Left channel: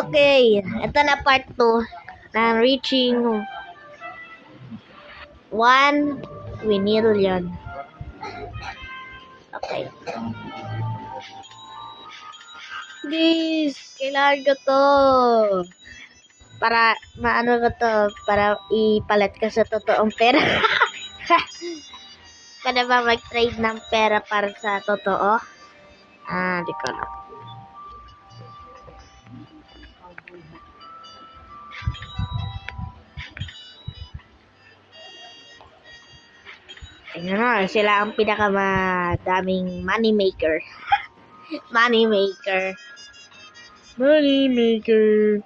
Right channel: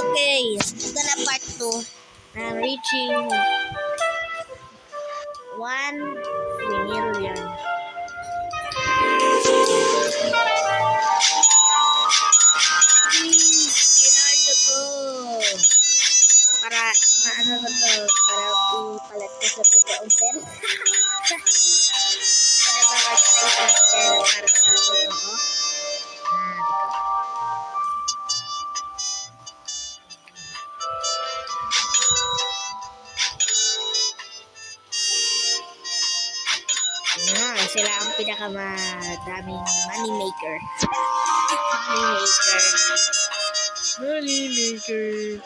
Okay, ito na part 2 na reaching 1 million. Please, kailangan ko to. Para, maano ko to, para ipalit ko sa totoong pera. Kada ba mag-trade ng pera para sa totoo? Di ko na. Sila ang pinakamadaming money maker. Money maker. Money maker.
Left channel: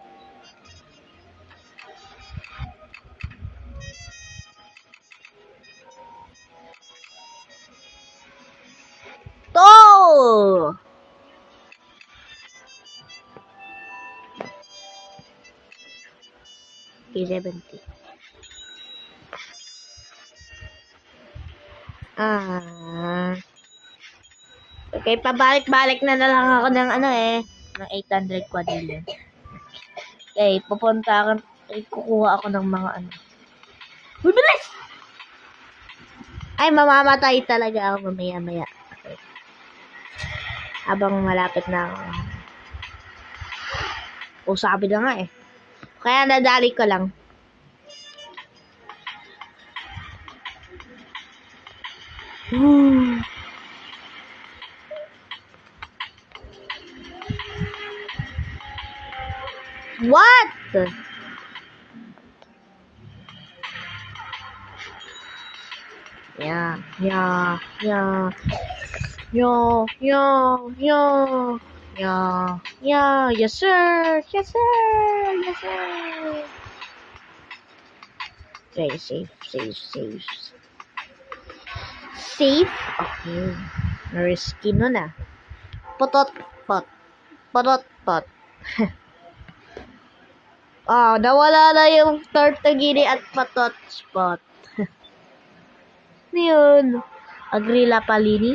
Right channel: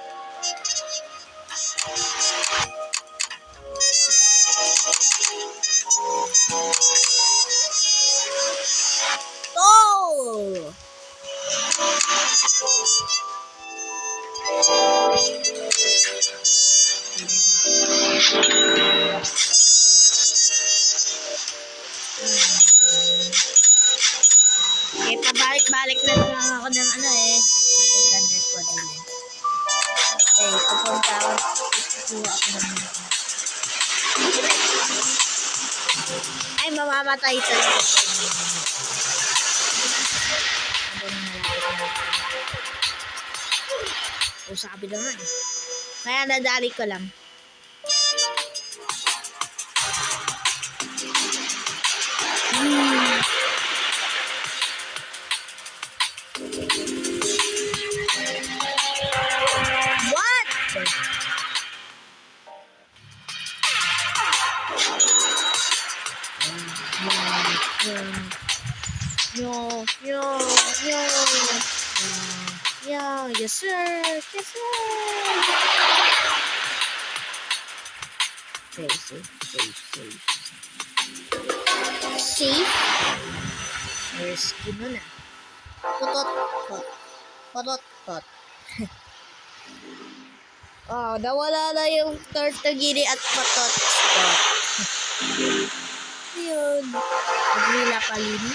To! Okay, pabalik-balik na lang ako ng ng 800 quadrillion. Okay, kukuha ako ng mga Ay, mamamatay talaga ako maya-maya. Habang malapit na ako. Sabi na nga Kaya nadali ko lang. What? Yeah. Yes, sir. Okay, safe. Safe? Okay. Risky nun Potot. Nawala na yung tortugini at potot. Ano yun? Agrila palini?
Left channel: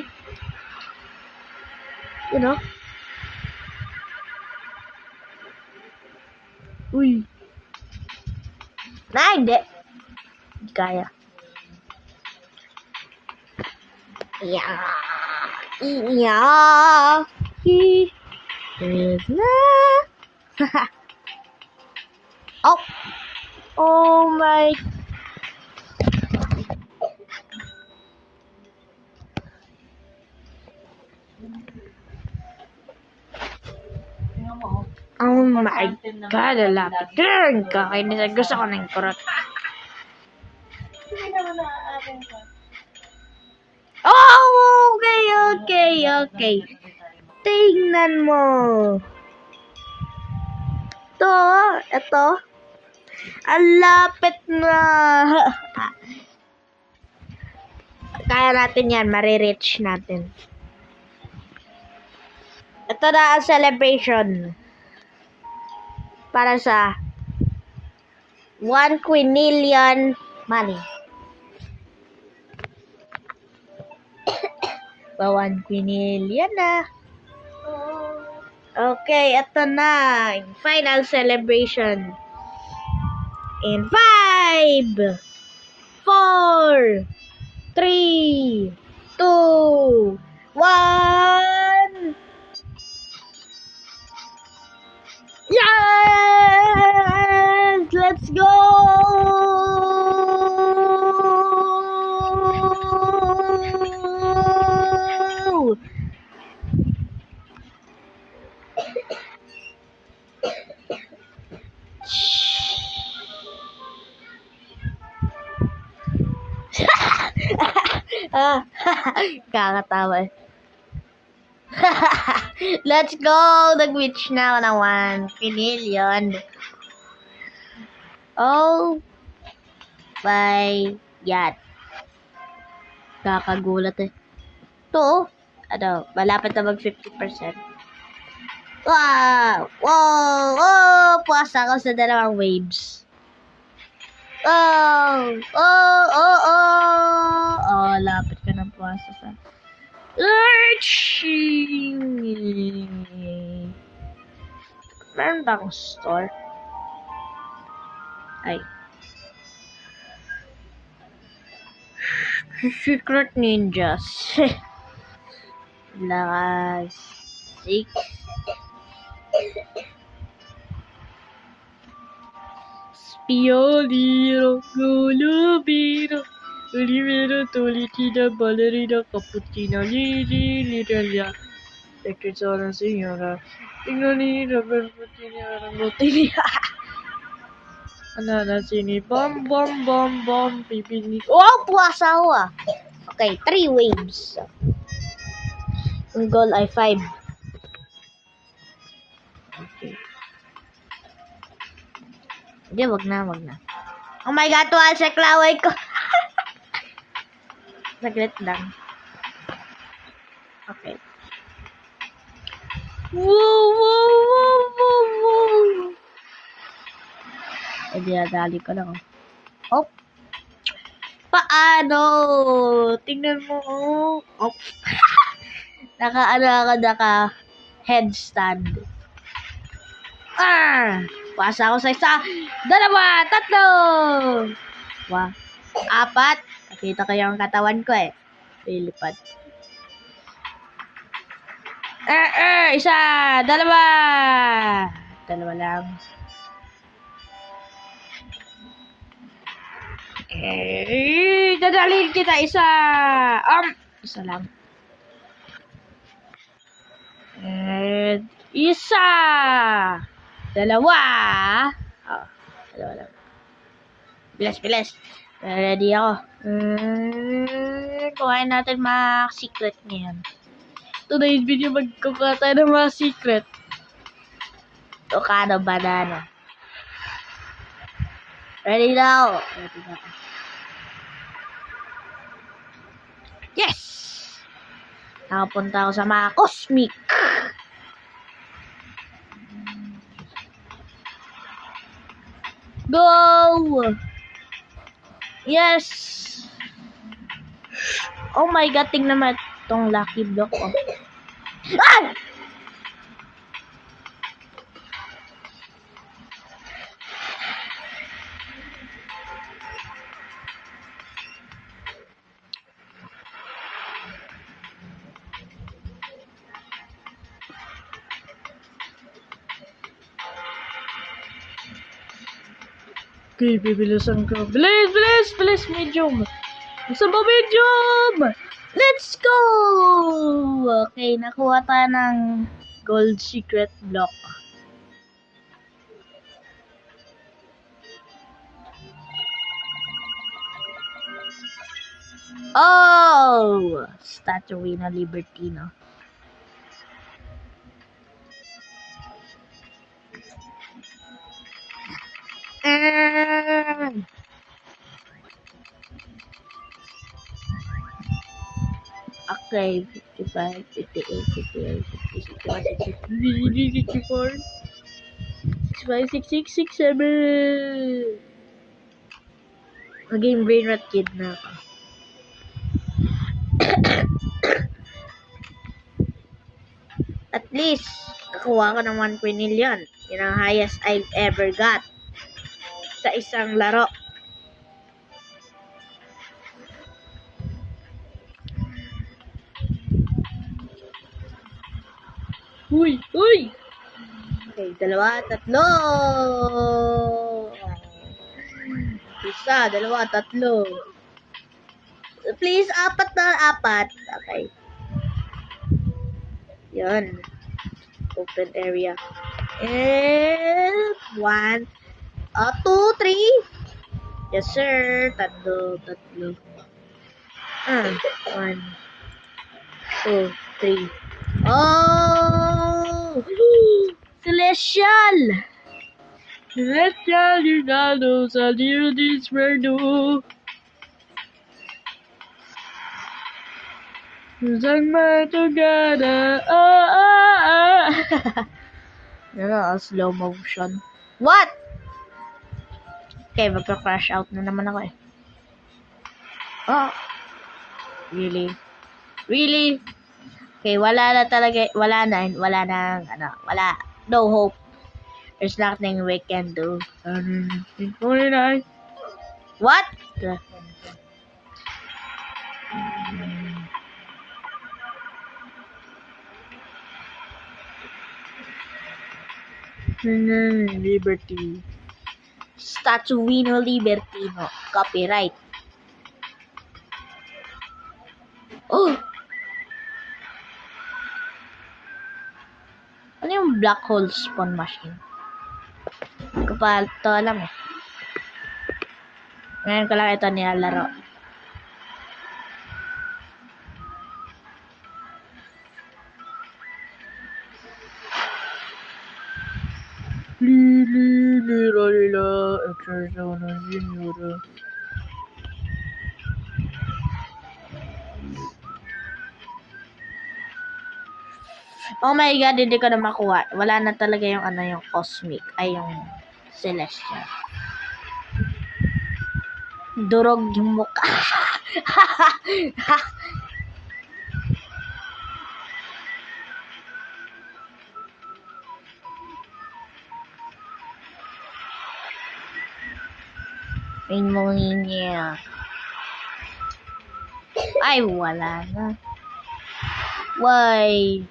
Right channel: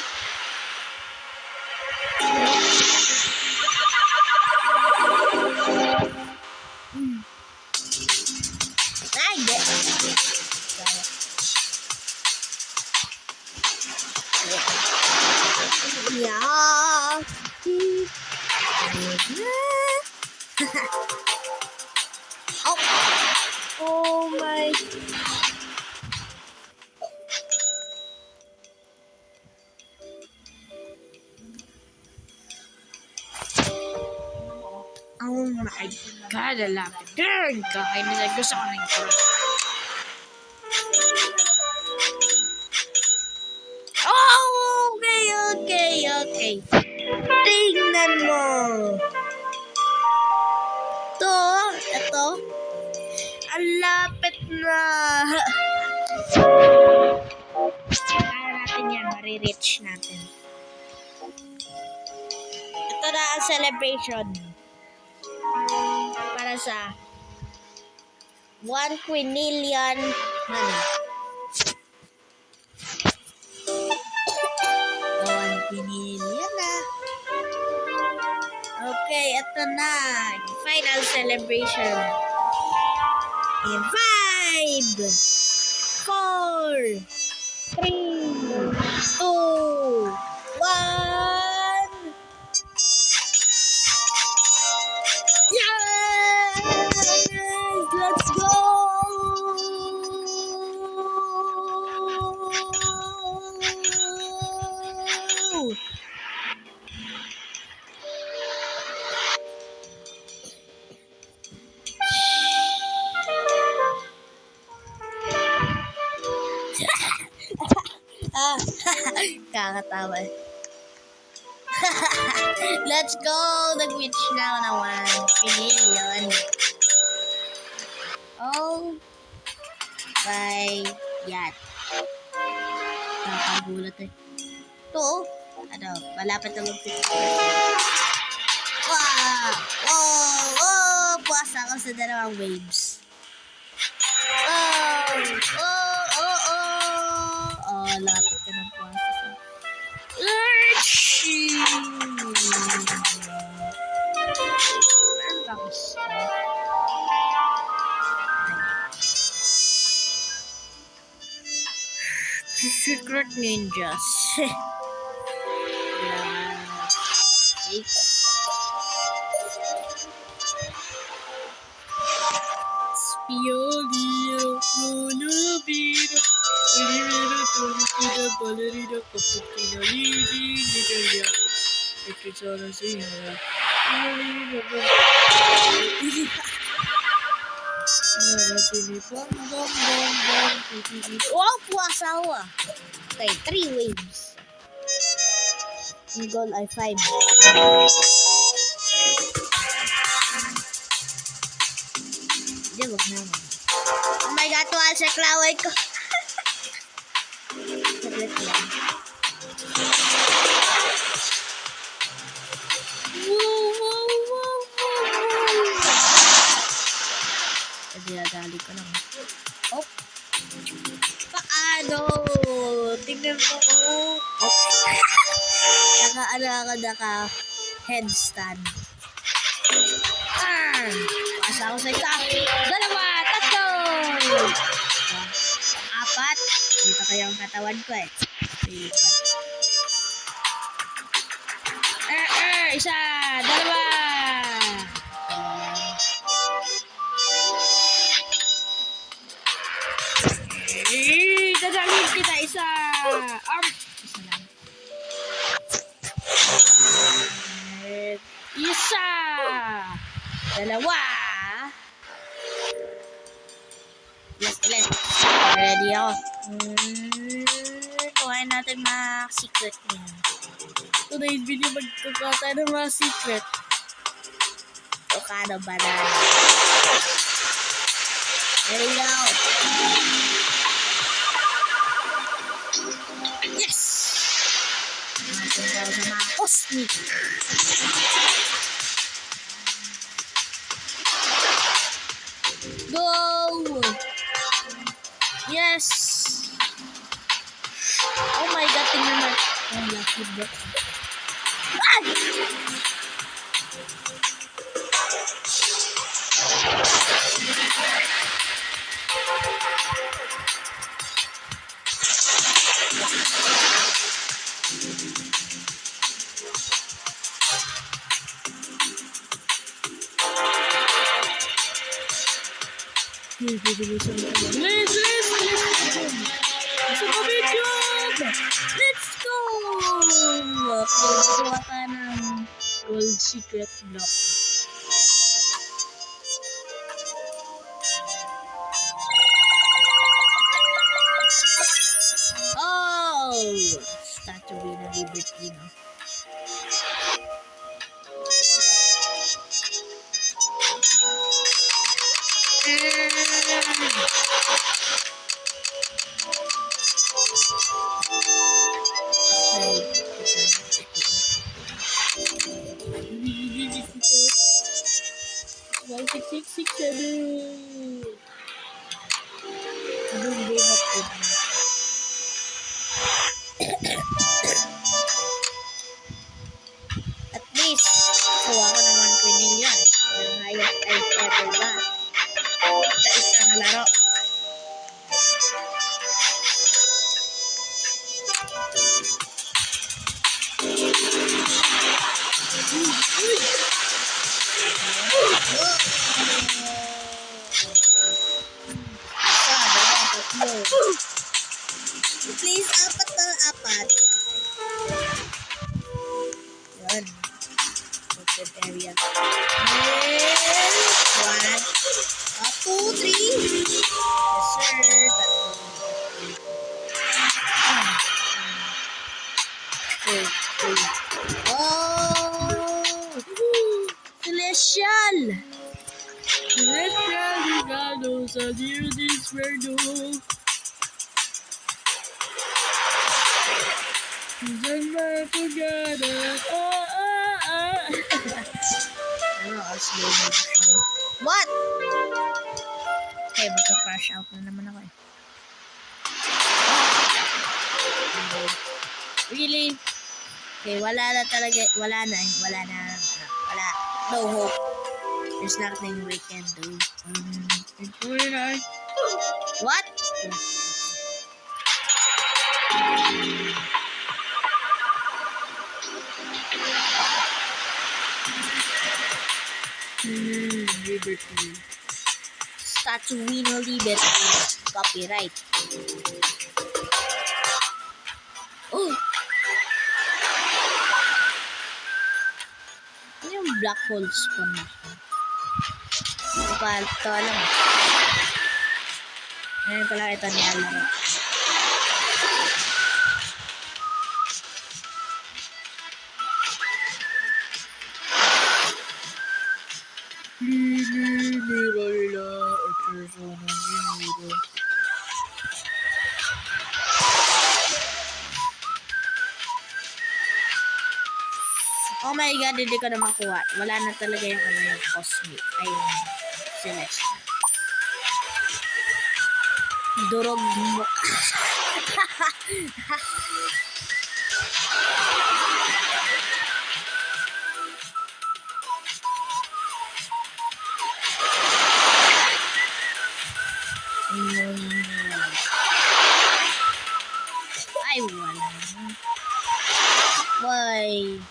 Uy. Hindi. Kaya. Oh my. Oh my God, lapit din. Gusto ko ng kurot. Okay. Tingnan mo. Ito. Ang lapit na. Kaya natin yan, marireach natin. Ito na ang celebration. Para sa 1 quinillion money. 1 quinillion na. Okay, ito na. Final celebration. In 5, 4, 3, 2, 1. Yes! Let's go! Kakatawa. Let's go! Nag-reach na ng 1 million. Oh my God. Kakagulat Ito malapit na mag 50%. Wow! Puwasa ako sa dalawang waves. Lapit ka ng puwasa sa Meron ba akong store? Ay. Secret ninjas. Lakas. 6. Spiolino, Gulubino, Olivero, Tolitina, Ballerina, Cappuccino, Lili, Litalia, Petrosona, Signora, Signora, Anana, Sini, Bom, Bom, Bom, Bom, Pipili. Wow, puwasa ako ah. Okay, 3 waves. Yung goal ay 5. Hindi, wag na. Oh my God, tuwal sa klaway ko. Saglit lang. Wow. Hindi, dali ko lang. Oh. Paano? Tingnan mo. Oh. Naka headstand. Pasa ako sa 1, 2, 3. 4. Nakita ko yung katawan ko eh. Pilipad. 1, 2. 2 lang. Dadalhin kita 1. 1 lang. 1. 2. Bilas. Ready ako. Kuhain natin mga secret niyan. Today's video magkukuha tayo ng mga secret. Okada banana. Ready now. Yes! Nakapunta ako sa mga cosmic. Go! Yes! Oh my God, tingnan naman itong lucky block. Oh. Ay! Okay, bibilisan ko. Bilis, medium. Isa ba medium? Let's go! Okay, nakuha pa ng gold secret block. Oh! Statue na Libertino. Okay, 55, 58, 58, 54, 55, 66, 67. Maging very rapid na ako. At least, nakuha ko ng 1 million. Yan ang highest I've ever got sa isang laro. Uy! Okay, 2, 3. 1, 2, 3. Please, 4 na 4. Okay. Yun. Open area. And 1, 2, 3. Yes, sir. 3. 1, 2, 3. Oh! Celestial! Rinaldo, Salir Disperdo. Susan Matugada. Slow motion. What? Okay, magka-crash out na naman ako eh. Oh! Really? Okay, wala na. No hope. There's nothing we can do. What? Liberty. Statuino Liberty. Copyright. Oh! Ano yung black hole spawn machine? Kapal to alam. Ngayon ko lang ito nilalaro. Oh my god, hindi ko na makuha. Wala na talaga yung yung cosmic. Ay, yung celestial. Durog yung mukha. Niya. Ay, wala na. Why?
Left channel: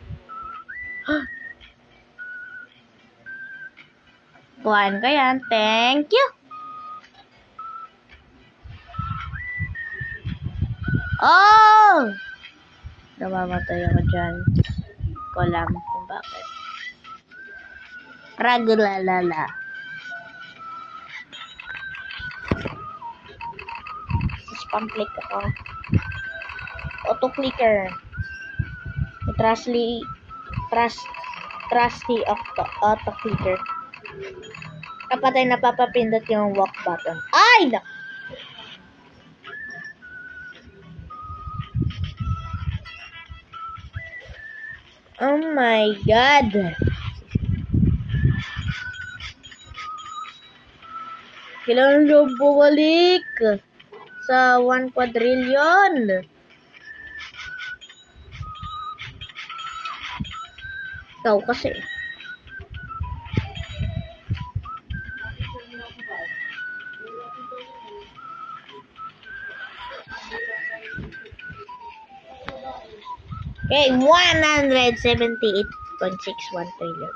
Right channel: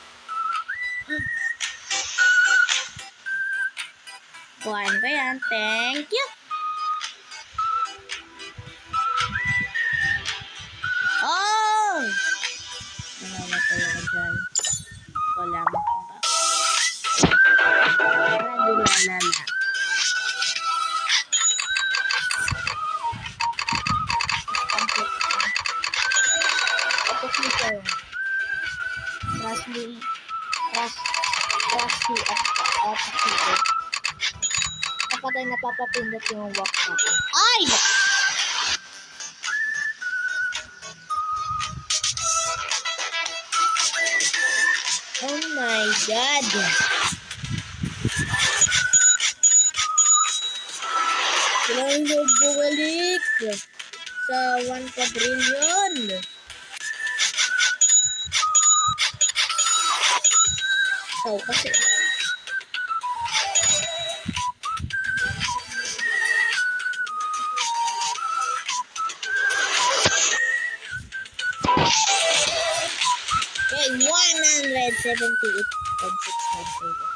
Kuhaan ko yan. Thank you. Oh! Namamatay ako dyan. Ko lang kung bakit. Ragulalala. Complete ako. Auto-clicker. Trusty auto-clicker. Dapat ay napapapindot yung walk button. Ay! Oh my god! Kailangan yung bumalik sa 1 quadrillion. Ikaw kasi. Okay, 178.61 trillion.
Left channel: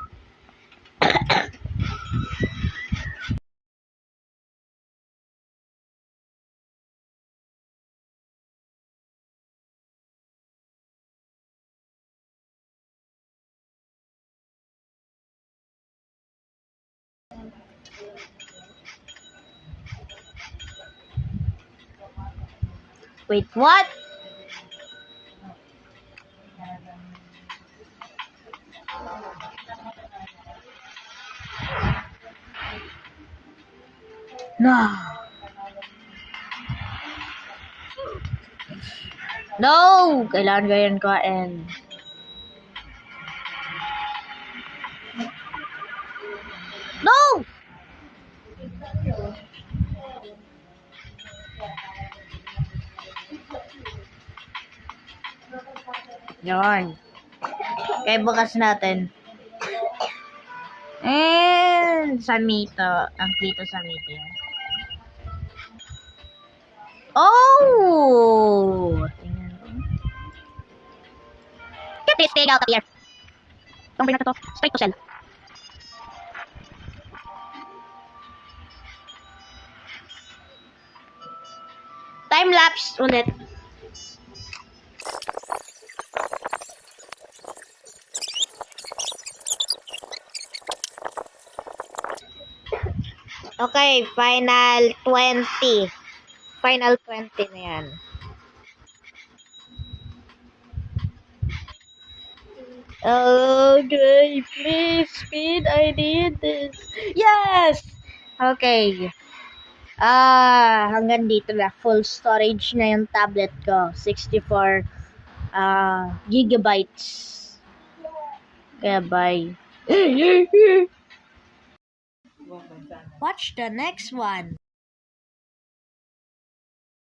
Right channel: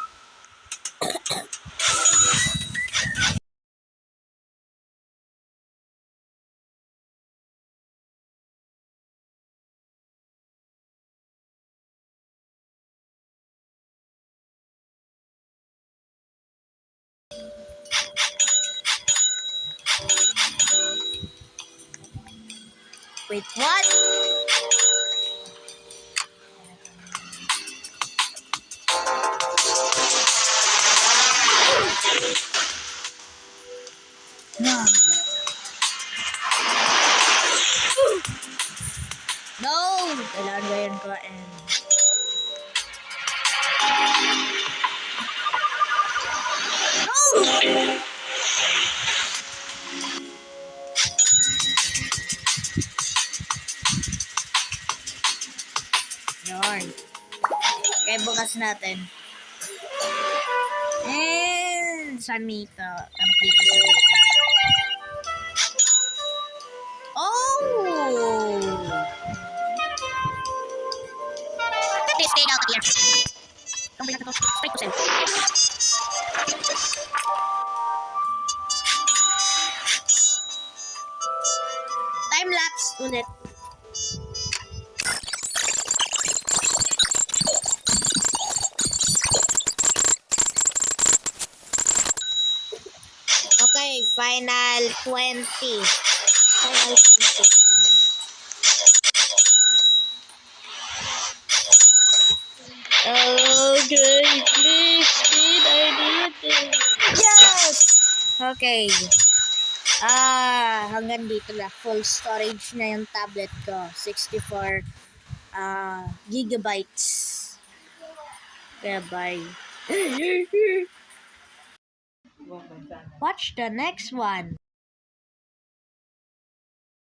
Wait, what? No. No! Kailangan ganyan ko and no! Yan. Okay, bukas natin. And San Mito. Ang Plito San Mito. Oh! Please take out of here. Itong pinata to. Straight to sell. Time-lapse ulit. Okay, final 20. Final 20 na yan. Okay, please, speed, I need it. Yes! Okay. Hanggang dito na. Full storage na yung tablet ko. 64 gigabytes. Kaya bye. Watch the next one.